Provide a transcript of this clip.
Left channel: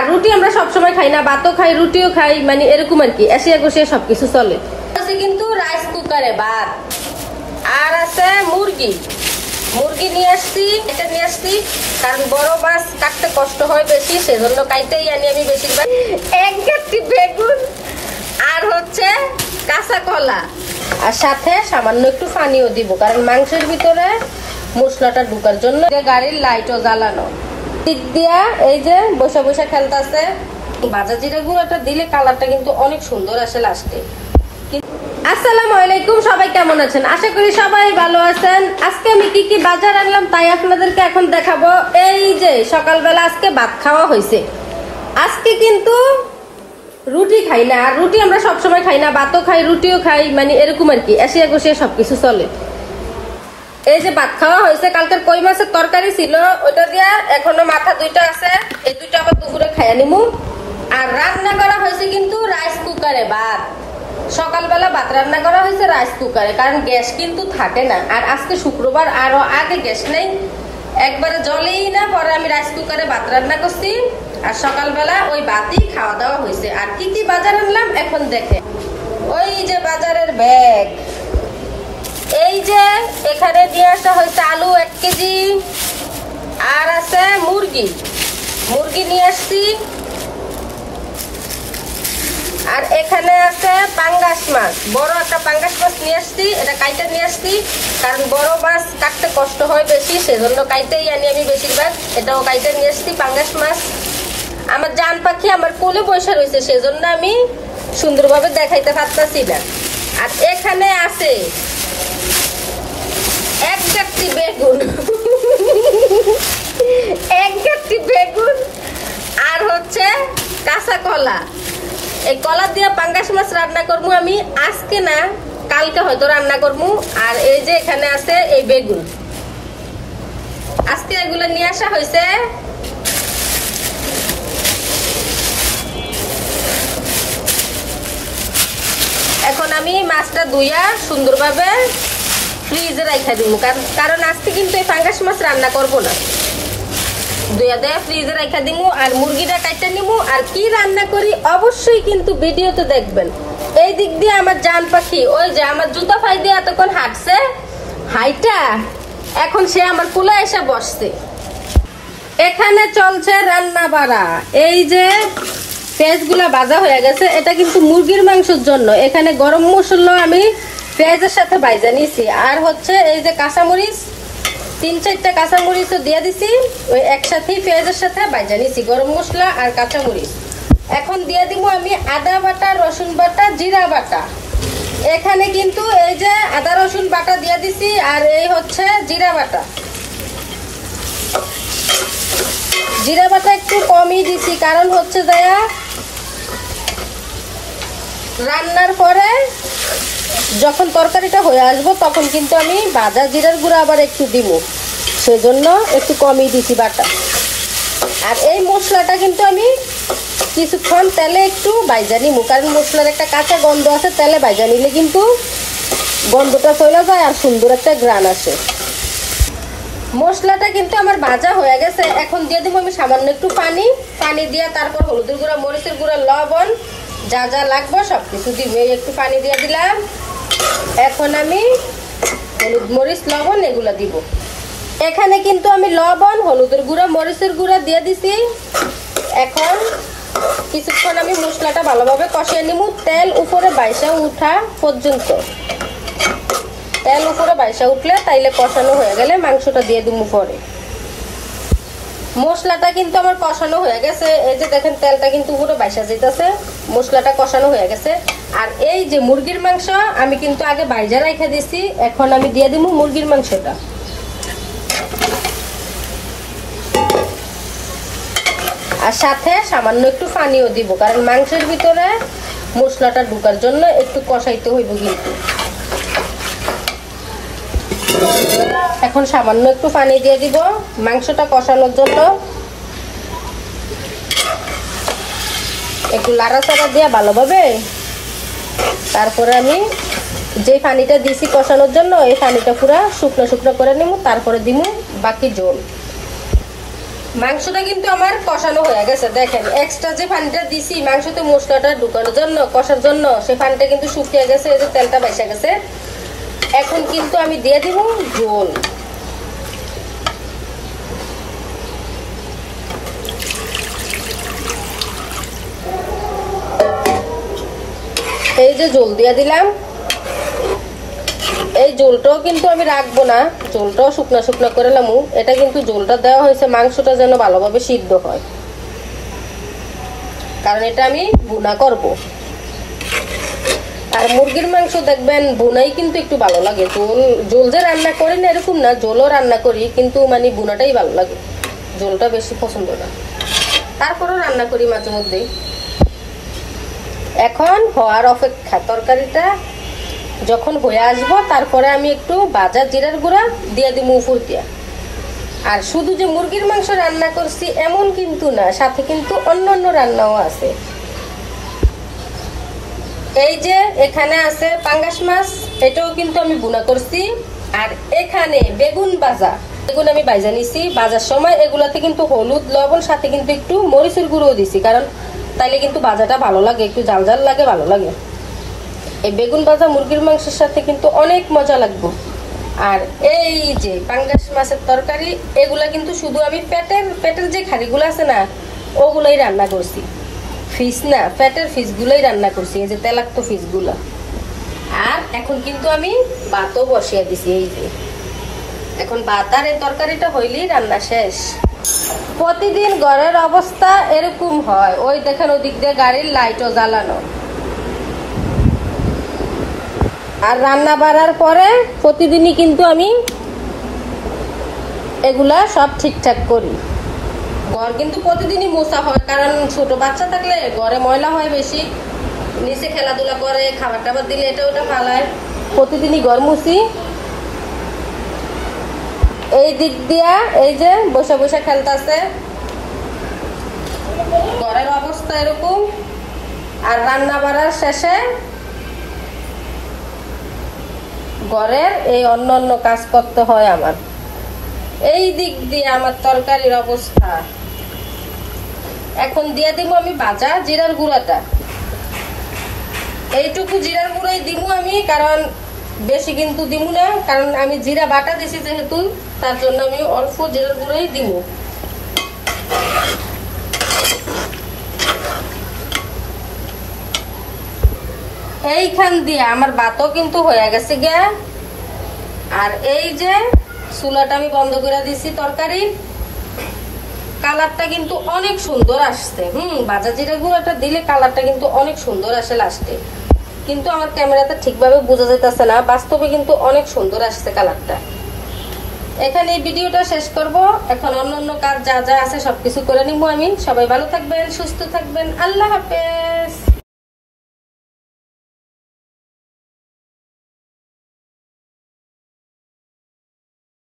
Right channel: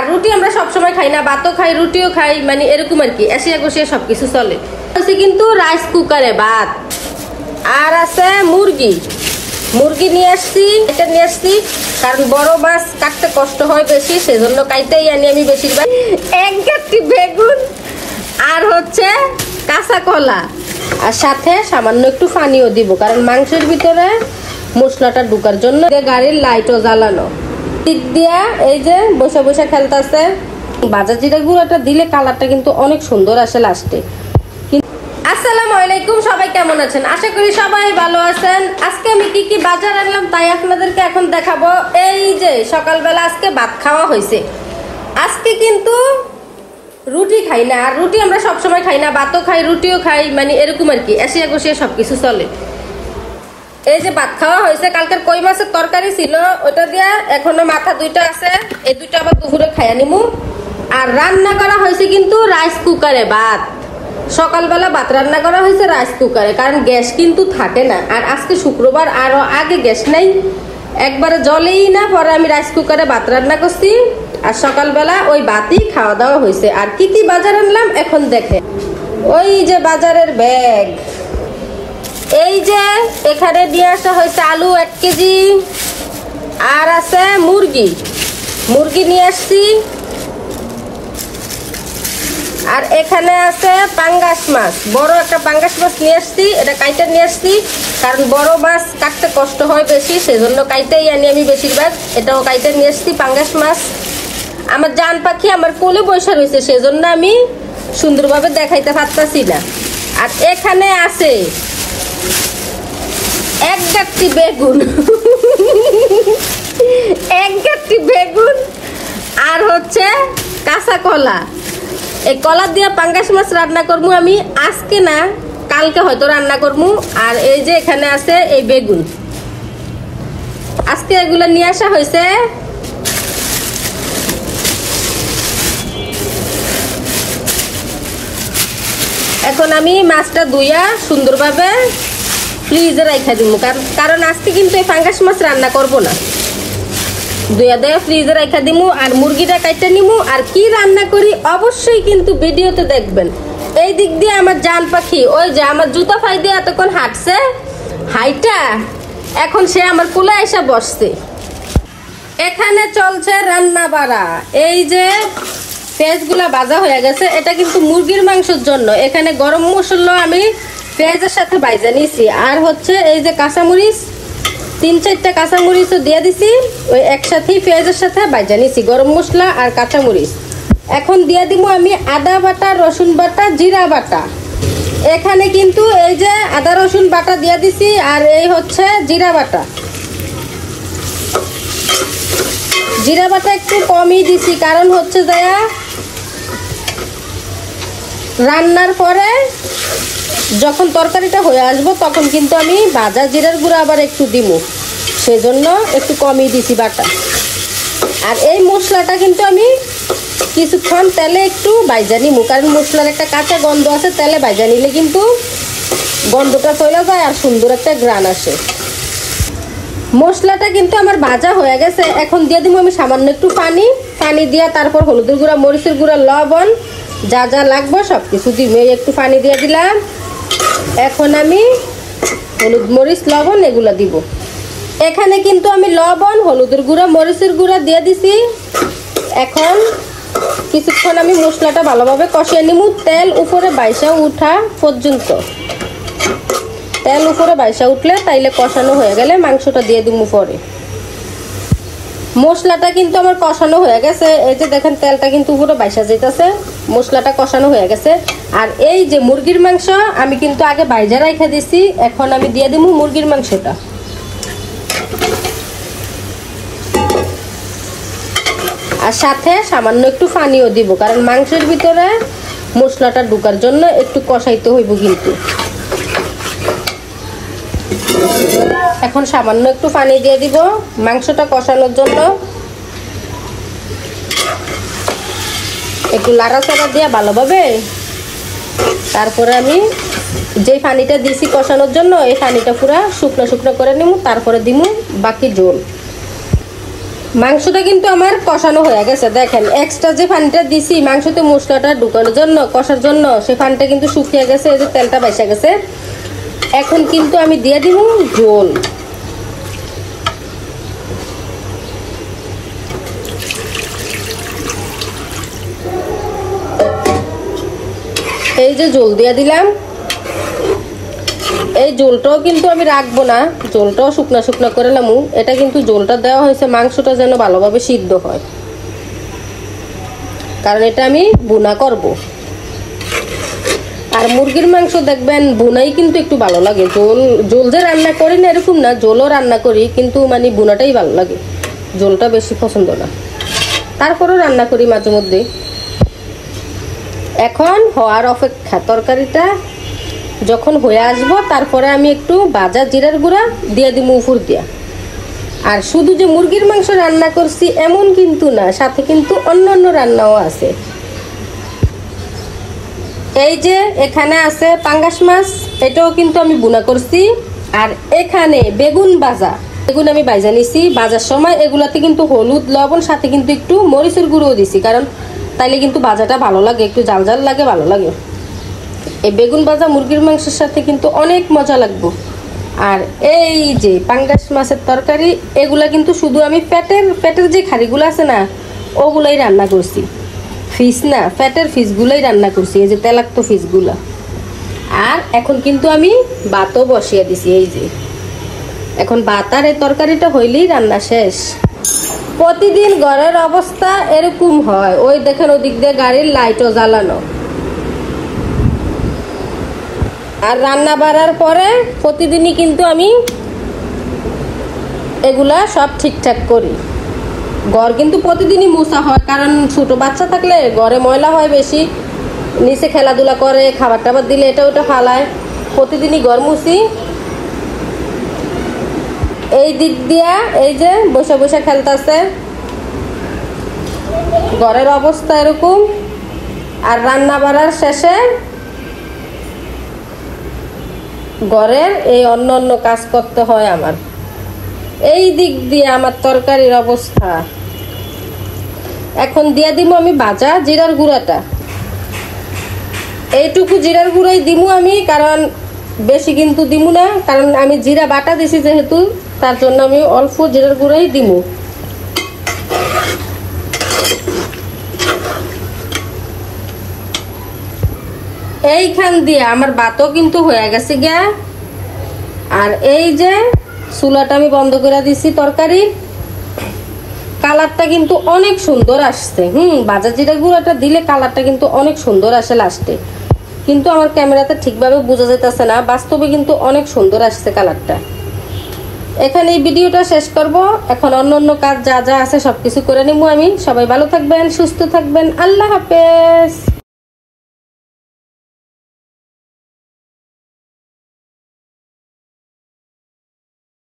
আর রুটি আমরা সবসময় খাই না, ভাতও খাই রুটিও খাই, মানে এরকম আর কি, এসে কষে সবকিছু চলে। আছে কিন্তু রাইস কুকারে ভাত। আর আছে মুরগি নিয়ে আসছি, এটা নিয়ে আসছি কারণ বড় মাছ কাটতে কষ্ট হয় বেশি, সেজন্য কাইতেই আনি আমি বেশিরভাগ। এক গাঁটি বেগুন আর হচ্ছে কাঁচা কলা, আর সাথে সামান্য একটু পানিও দিব কারণ মাংসের ভিতরে মশলাটা ঢুকার জন্য। গাড়ির লাইটও জ্বালানো দিক দিয়া এই যে বসে বসে খেলতেছে। ভাজা জিরা গুঁড়োটা দিলে কালারটা কিন্তু অনেক সুন্দর আসে লাস্টে। আসসালামু আলাইকুম, সবাই কেমন আছেন? আশা করি সবাই ভালো আছেন। আজকে আমি কি কি বাজার আনলাম তাই আপনাদেরকে এখন দেখাবো। এই যে সকালবেলা আজকে ভাত খাওয়া হয়েছে। আজকে কিন্তু রুটি খাই না, আর রুটি আমরা সবসময় খাই না, ভাতও খাই রুটিও খাই, মানে এরকম আর কি, এসে কষে সবকিছু চলে। এই যে ভাত খাওয়া হয়েছে, কালকের কই মাছের তরকারি ছিল ওটা দিয়া, এখনো মাথা দুইটা আছে, এই দুইটা আবার দুপুরে খাইয়া নিমু। আর রান্না করা হয়েছে কিন্তু রাইস কুকারে ভাত। সকালবেলা ভাত রান্না করা হয়েছে রাইস কুকারে, কারণ গ্যাস কিন্তু থাকে না। আর আজকে শুক্রবার, আরো আগে গ্যাস নাই, একবারে জলেই না, পরে আমি রাইস কুকারে ভাত রান্না করছি। আর সকালবেলা ওই ভাতই খাওয়া দাওয়া হয়েছে। আর কি কি বাজার আনলাম এখন দেখে। ওই যে বাজারের ব্যাগ, এই যে এখানে নিয়ে আসা হয়েছে আলু 1 কেজি, আর আছে মুরগি নিয়ে আসছি, আর এখানে আছে পাঙ্গাস মাছ, বড় একটা পাঙ্গাস মাছ নিয়ে আসছি, এটা কাইটা নিয়ে আসছি কারণ বড় মাছ কাটতে কষ্ট হয় বেশি, সেজন্য কাইটাই আনি আমি বেশিরভাগ। এটাও কাইটা নিয়ে আসছি পাঙ্গাস মাছ। আমার জান পাখি আমার কোলে বসে রয়েছে, সেজন্য আমি সুন্দরভাবে দেখাইতে পারতাছি না। আর এখানে আছে এক গাঁটি বেগুন আর হচ্ছে কাঁচা কলা। এই কলা দিয়ে পাঙ্গাস মাছ রান্না করবো আমি, আজকে না কালকে হয়তো রান্না করবো। আর এই যে এখানে আছে এই বেগুন, আজকে এগুলো নিয়ে আসা হয়েছে। এখন আমি মাছটা ধুইয়া সুন্দরভাবে ফ্রিজে রাখা দিব, কারণ আজকে কিন্তু এই পাঙ্গাস মাছ রান্না করবো না, ধুইয়া দিয়ে ফ্রিজে রাখা দিব। আর মুরগিটা কাইটা নিমু। আর কি রান্না করি অবশ্যই কিন্তু ভিডিওতে দেখবেন। এই দিক দিয়ে আমার জান পাখি, ওই যে আমার জুতো ফাই দিয়ে এতক্ষণ হাঁটছে, হাইটা এখন সে আমার কোলে এসে বসছে। এখানে চলছে রান্না বাড়া। এই যে পেঁয়াজগুলা ভাজা হয়ে গেছে, এটা কিন্তু মুরগির মাংসের জন্য। এখানে গরম মশলা আমি পেঁয়াজের সাথে ভাজা নিয়েছি, আর হচ্ছে এই যে কাঁচামরিচ 3-4টা কাঁচামরিচও দিয়ে দিছি, ওই একসাথে পেঁয়াজের সাথে ভাজা নিয়েছি, গরম মশলা আর কাঁচামরিচ। এখন দিয়ে দিব আমি আদা বাটা, রসুন বাটা, জিরা বাটা। এখানে কিন্তু এই যে আদা রসুন বাটা দিয়ে দিছি, আর এই হচ্ছে জিরা বাটা। জিরা বাটা একটু কমই দিছি, কারণ হচ্ছে যায়া রান্নার পরে যখন তরকারিটা হয়ে আসবো তখন কিন্তু আমি ভাজা জিরার গুঁড়া আবার একটু দিব, সেজন্য একটু কমই দিছি বাটা। আর এই মশলাটা কিন্তু আমি কিছুক্ষণ তেলে একটু ভাজা নিব, কারণ মশলার একটা কাঁচা গন্ধ আছে, তেলে ভাজা নিলে কিন্তু গন্ধটা চলে যায় আর সুন্দর একটা ঘ্রাণ আসে। মশলাটা কিন্তু আমার ভাজা হয়ে গেছে। এখন দিয়ে দিব আমি সামান্য একটু পানি দিয়া, তারপর হলুদের গুঁড়া, মরিচের গুঁড়া, লবণ, যা যা লাগবে সবকিছু দিব। একটু পানি দিয়ে দিলাম। এখন আমি হলুদ, মরিচ, লবণ এগুলা দিব। এখানে কিন্তু আমি লবণ, হলুদের গুঁড়া, মরিচের গুঁড়া দিয়ে দিছি। এখন কিছুক্ষণ আমি মশলাটা ভালোভাবে কষিয়ে নিব, তেল উপরে বাইসা উঠা পর্যন্ত। তেল উপরে বাইসা উঠলে তাইলে কষানো হয়ে গেলে মাংসটা দিয়ে দিব পরে। মশলাটা কিন্তু আমার কষানো হয়ে গেছে, এই যে দেখেন তেলটা কিন্তু উপরে বাইসা যেতেছে, মশলাটা কষানো হয়ে গেছে। আর এই যে মুরগির মাংস আমি কিন্তু আগে বাইজা রাখা দিছি, এখন আমি দিয়ে দিব মুরগির মাংসটা। আর সাথে সামান্য একটু পানিও দিব, কারণ মাংসের ভিতরে মশলাটা ঢুকার জন্য একটু কষাইতে হইব কিন্তু। এখন সামান্য একটু পানি দিয়ে দিব মাংসটা কষানোর জন্য। একটু লাড়াচাড়া দিয়ে ভালোভাবে, তারপরে আমি যে পানিটা দিয়েছি কষানোর জন্য, এই পানিটা পুরো শুকনো শুকনো করে নিব, তারপরে দিব বাকি ঝোল। মাংসটা কিন্তু আমার কষানো হয়ে গেছে, দেখেন এক্সট্রা যে পানিটা দিছি মাংসতে মশলাটা ঢুকানোর জন্য কষার জন্য, সে পানিটা কিন্তু শুকিয়ে গেছে, এই যে তেলটা বাইসা গেছে। এখন কিন্তু আমি দিয়ে দিব ঝোল। এই যে ঝোল দিয়ে দিলাম। এই ঝোলটাও কিন্তু আমি রাখবো না, ঝোলটাও শুকনা শুকনা করে নামু। এটা কিন্তু ঝোলটা দেওয়া হয়েছে মাংসটা যেন ভালোভাবে সিদ্ধ হয়, কারণ এটা আমি বুনা করব। আর মুরগির মাংস দেখবেন বুনাই কিন্তু একটু ভালো লাগে। ঝোল যে রান্না করি না এরকম না, ঝোলও রান্না করি, কিন্তু মানে বুনাটাই ভালো লাগে, ঝোলটা বেশি পছন্দ না। তারপরও রান্না করি মাঝে মধ্যে। এখন হওয়ার অপেক্ষা, তরকারিটা যখন হয়ে আসবো তারপরে আমি একটু ভাজা জিরার গুঁড়া দিয়ে দিব উপর দিয়া। আর শুধু যে মুরগির মাংস রান্না করছি এমন কিন্তু না, সাথে কিন্তু অন্যান্য রান্নাও আছে। এই যে এখানে আছে পাঙ্গাস মাছ, এটাও কিন্তু আমি বুনা করছি। আর এখানে বেগুন ভাজা, বেগুন আমি ভাজা নিছি। ভাজার সময় এগুলাতে কিন্তু হলুদ লবণ সাথে কিন্তু একটু মরিচের গুঁড়ো দিছি, কারণ তাইলে কিন্তু ভাজাটা ভালো লাগে, একটু জাল জাল লাগে, ভালো লাগে। এই বেগুন ভাজা মুরগির মাংসের সাথে কিন্তু অনেক মজা লাগবে। আর এই যে পাঙ্গাস মাছের তরকারি, এগুলা কিন্তু শুধু আমি পেটের যে খাড়িগুলো আছে না ওগুলাই রান্না করছি, ফিস না, পেটের ফিস গুলাই রান্না করছি, এই যে তেলাক্ত ফিস গুলা। আর এখন কিন্তু আমি ভাতও বসিয়ে দিছি। এই যে এখন ভাত আর এই তরকারিটা হইলেই রান্না শেষ। প্রতিদিন ঘরের অবস্থা এরকম হয়, ওই দেখেন ওদিক দিয়ে গাড়ির লাইটও জ্বালানো। আর রান্না বাড়ার পরে প্রতিদিনই কিন্তু আমি এগুলা সব ঠিকঠাক করি। ঘর কিন্তু প্রতিদিনই মোছা হয়, কারণ ছোট বাচ্চা থাকলে ঘরে ময়লা হয় বেশি, নিচে খেলাধুলা করে, খাবার টাবার দিলে এটা ওটা ফালায়, প্রতিদিনই ঘর মুছি। এই দিক দিয়া এই যে বসে বসে খেলতেছে, ঘরের অবস্থা এরকম। আর রান্না বাড়ার শেষে ঘরের এই অন্য কাজ করতে হয় আমার। এই দিক দিয়ে আমার তরকারির অবস্থা। এখন দিয়ে দিব আমি ভাজা জিরার গুঁড়াটা, এইটুকু জিরার গুঁড়াই দিব আমি, কারণ বেশি কিন্তু দিব না, কারণ আমি জিরা বাটা দিছি যেহেতু, তার জন্য আমি অল্প জিরার গুঁড়াই দিব। এইখান দিয়ে আমার ভাতও কিন্তু হয়ে গেছে গা। আর এই যে চুলাটা আমি বন্ধ করে দিছি, তরকারি কালারটা কিন্তু অনেক সুন্দর আসছে। ভাজা জিরা গুঁড়াটা দিলে কালারটা কিন্তু অনেক সুন্দর আসে লাস্টে, কিন্তু আমার ক্যামেরাতে ঠিকভাবে বোঝা যাইতেছে না, বাস্তবে কিন্তু অনেক সুন্দর আসছে কালারটা। এখানে এই ভিডিওটা শেষ করব। এখন অন্য কাজ যা যা আছে সবকিছু করে নিবো আমি। সবাই ভালো থাকবেন, সুস্থ থাকবেন, আল্লাহ হাফেজ।